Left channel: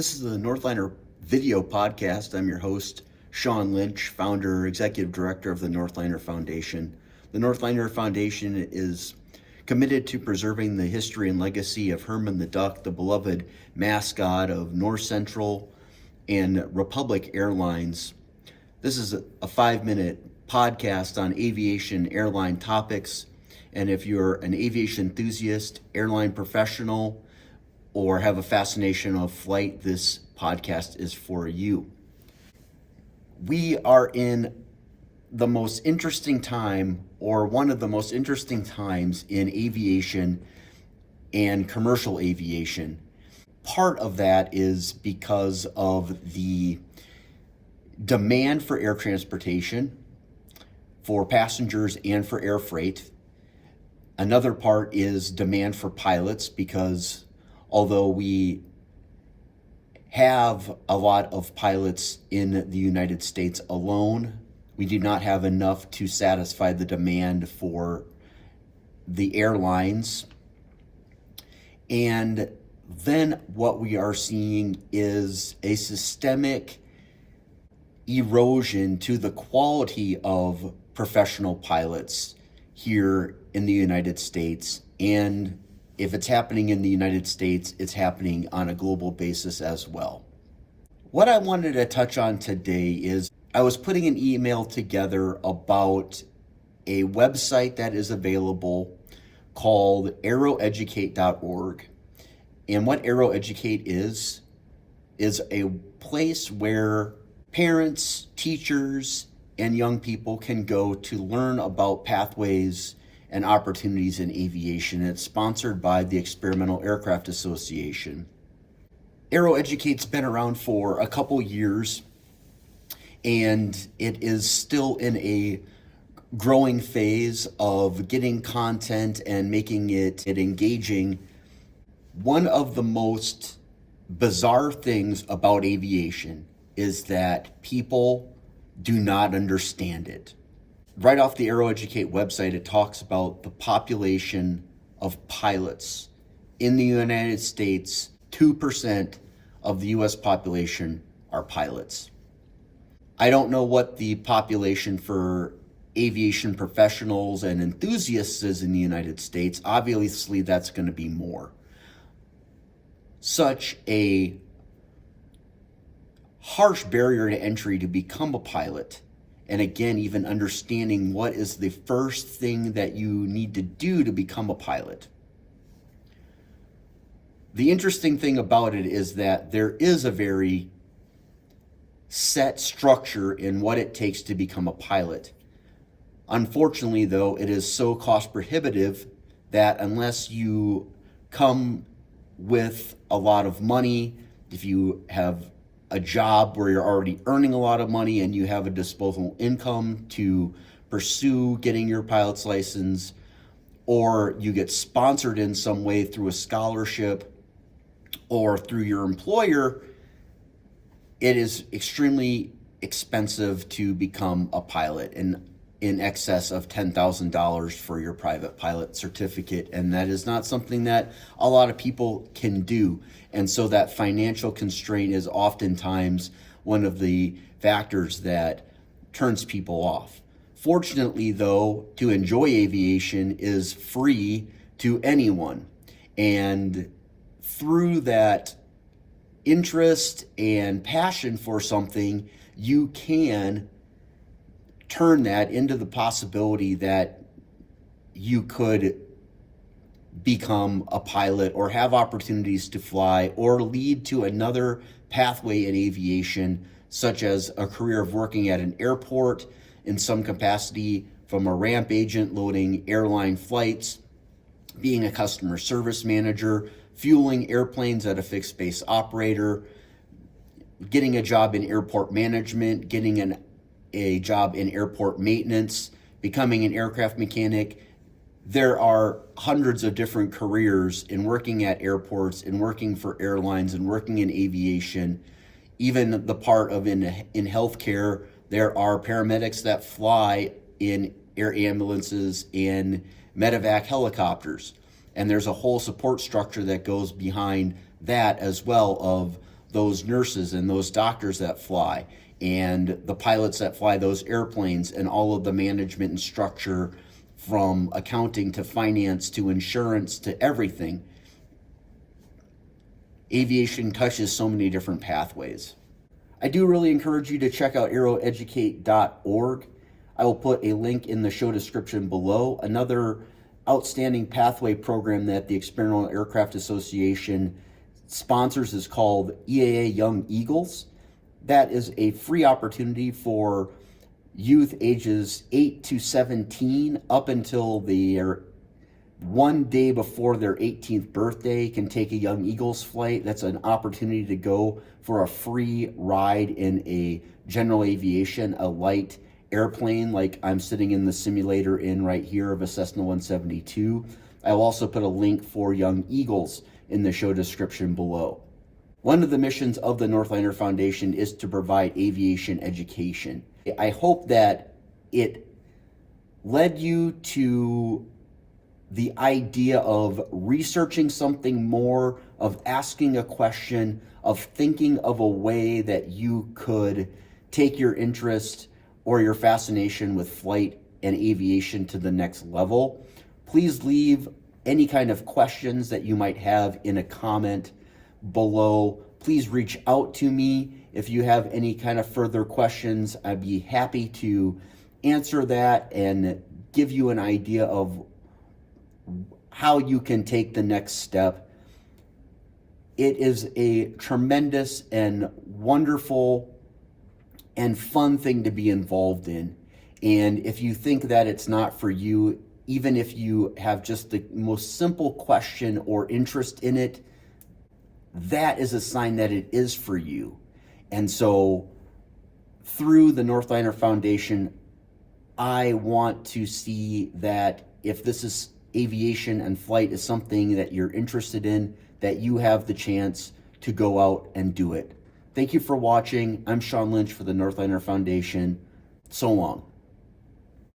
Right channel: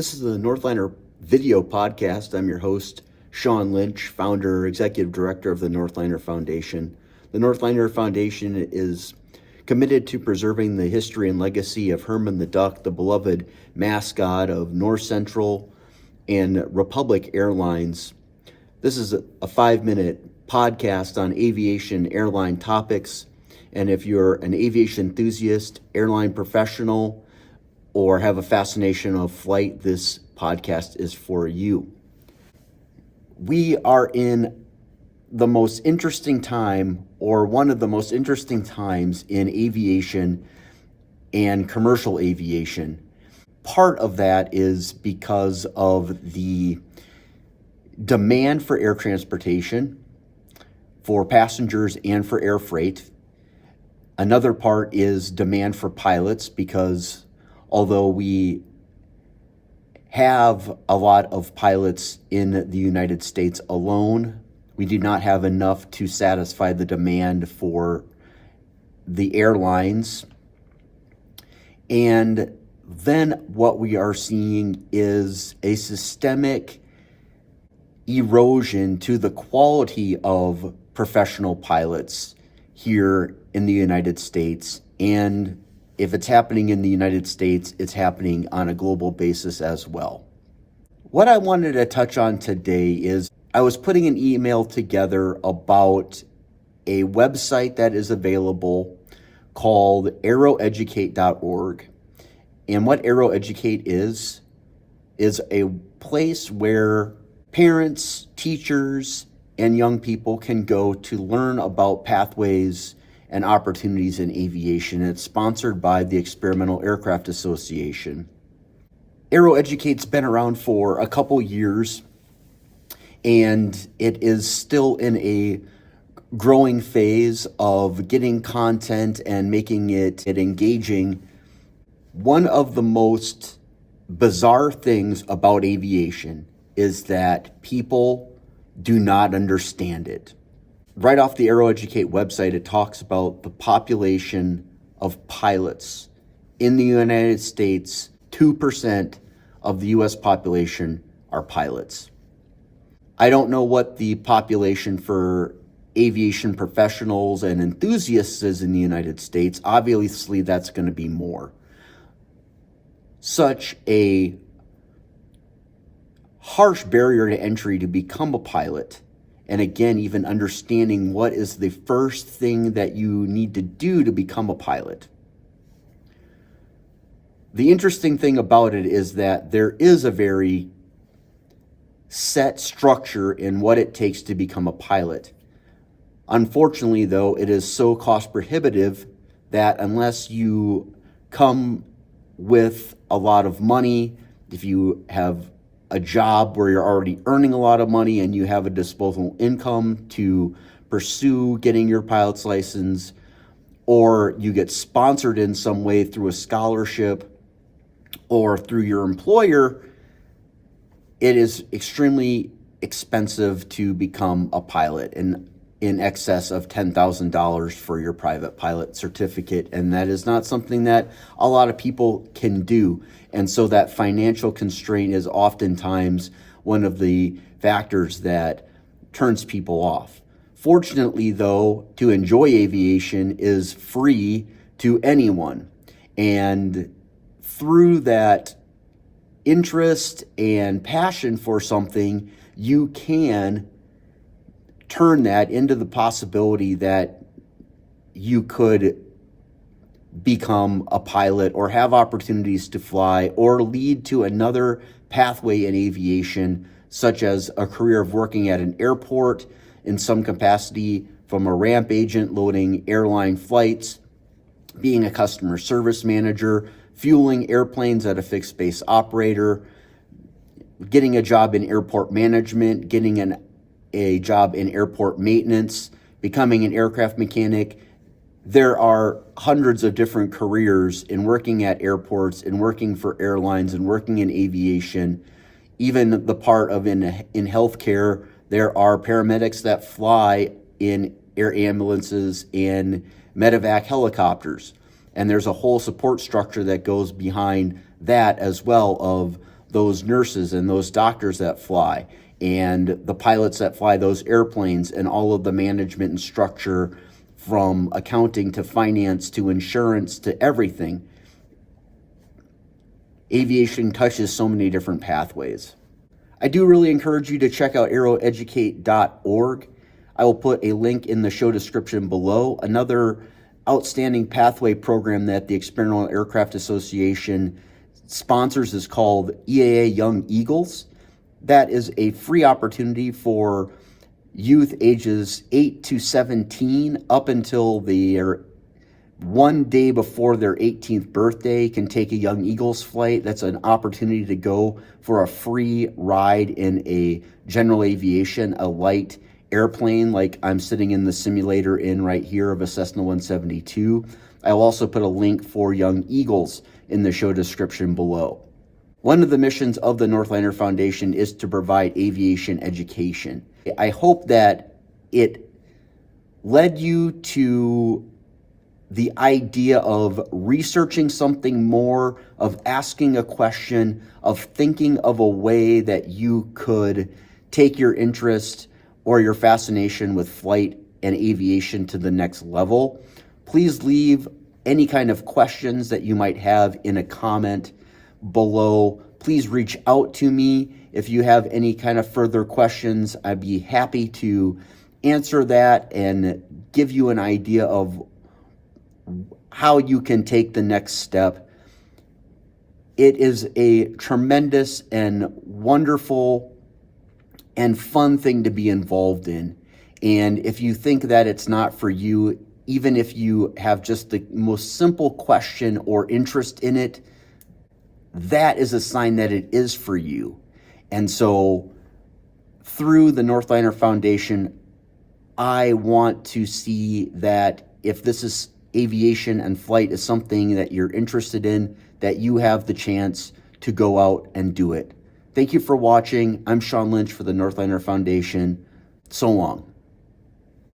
This is the Northliner video podcast. I'm your host, Sean Lynch, founder, executive director of the Northliner Foundation. The Northliner Foundation is committed to preserving the history and legacy of Herman the Duck, the beloved mascot of North Central and Republic Airlines. This is a 5-minute podcast on aviation airline topics. And if you're an aviation enthusiast, airline professional, or have a fascination of flight, this podcast is for you. We are in the most interesting time, or one of the most interesting times in aviation and commercial aviation. Part of that is because of the demand for air transportation, for passengers and for air freight. Another part is demand for pilots, because although we have a lot of pilots in the United States alone, we do not have enough to satisfy the demand for the airlines. And then what we are seeing is a systemic erosion to the quality of professional pilots here in the United States. And if it's happening in the United States, it's happening on a global basis as well. What I wanted to touch on today is I was putting an email together about a website that is available called aeroeducate.org. And what AeroEducate is a place where parents, teachers, and young people can go to learn about pathways and opportunities in aviation. It's sponsored by the Experimental Aircraft Association. AeroEducate's been around for a couple years, and it is still in a growing phase of getting content and making it engaging. One of the most bizarre things about aviation is that people do not understand it. Right off the AeroEducate website, it talks about the population of pilots. In the United States, 2% of the US population are pilots. I don't know what the population for aviation professionals and enthusiasts is in the United States. Obviously, that's going to be more. Such a harsh barrier to entry to become a pilot. And again, even understanding what is the first thing that you need to do to become a pilot. The interesting thing about it is that there is a very set structure in what it takes to become a pilot. Unfortunately, though, it is so cost prohibitive that unless you come with a lot of money, if you have a job where you're already earning a lot of money and you have a disposable income to pursue getting your pilot's license, or you get sponsored in some way through a scholarship or through your employer, it is extremely expensive to become a pilot, and in excess of $10,000 for your private pilot certificate. And that is not something that a lot of people can do. And so that financial constraint is oftentimes one of the factors that turns people off. Fortunately, though, to enjoy aviation is free to anyone. And through that interest and passion for something, you can turn that into the possibility that you could become a pilot or have opportunities to fly or lead to another pathway in aviation, such as a career of working at an airport in some capacity, from a ramp agent loading airline flights, being a customer service manager, fueling airplanes at a fixed base operator, getting a job in airport management, getting a job in airport maintenance, becoming an aircraft mechanic. There are hundreds of different careers in working at airports, in working for airlines, and working in aviation. Even the part of in healthcare, there are paramedics that fly in air ambulances and medevac helicopters. And there's a whole support structure that goes behind that as well, of those nurses and those doctors that fly, and the pilots that fly those airplanes, and all of the management and structure from accounting to finance to insurance to everything. Aviation touches so many different pathways. I do really encourage you to check out aeroeducate.org. I will put a link in the show description below. Another outstanding pathway program that the Experimental Aircraft Association sponsors is called EAA Young Eagles. That is a free opportunity for youth ages 8 to 17 up until their one day before their 18th birthday can take a Young Eagles flight. That's an opportunity to go for a free ride in a general aviation, a light airplane like I'm sitting in the simulator in right here of a Cessna 172. I'll also put a link for Young Eagles in the show description below. One of the missions of the Northliner Foundation is to provide aviation education. I hope that it led you to the idea of researching something more, of asking a question, of thinking of a way that you could take your interest or your fascination with flight and aviation to the next level. Please leave any kind of questions that you might have in a comment below. Please reach out to me if you have any kind of further questions. I'd be happy to answer that and give you an idea of how you can take the next step. It is a tremendous and wonderful and fun thing to be involved in. And if you think that it's not for you, even if you have just the most simple question or interest in it, that is a sign that it is for you. And so through the Northliner Foundation, I want to see that if this is aviation and flight is something that you're interested in, that you have the chance to go out and do it. Thank you for watching. I'm Sean Lynch for the Northliner Foundation. So long.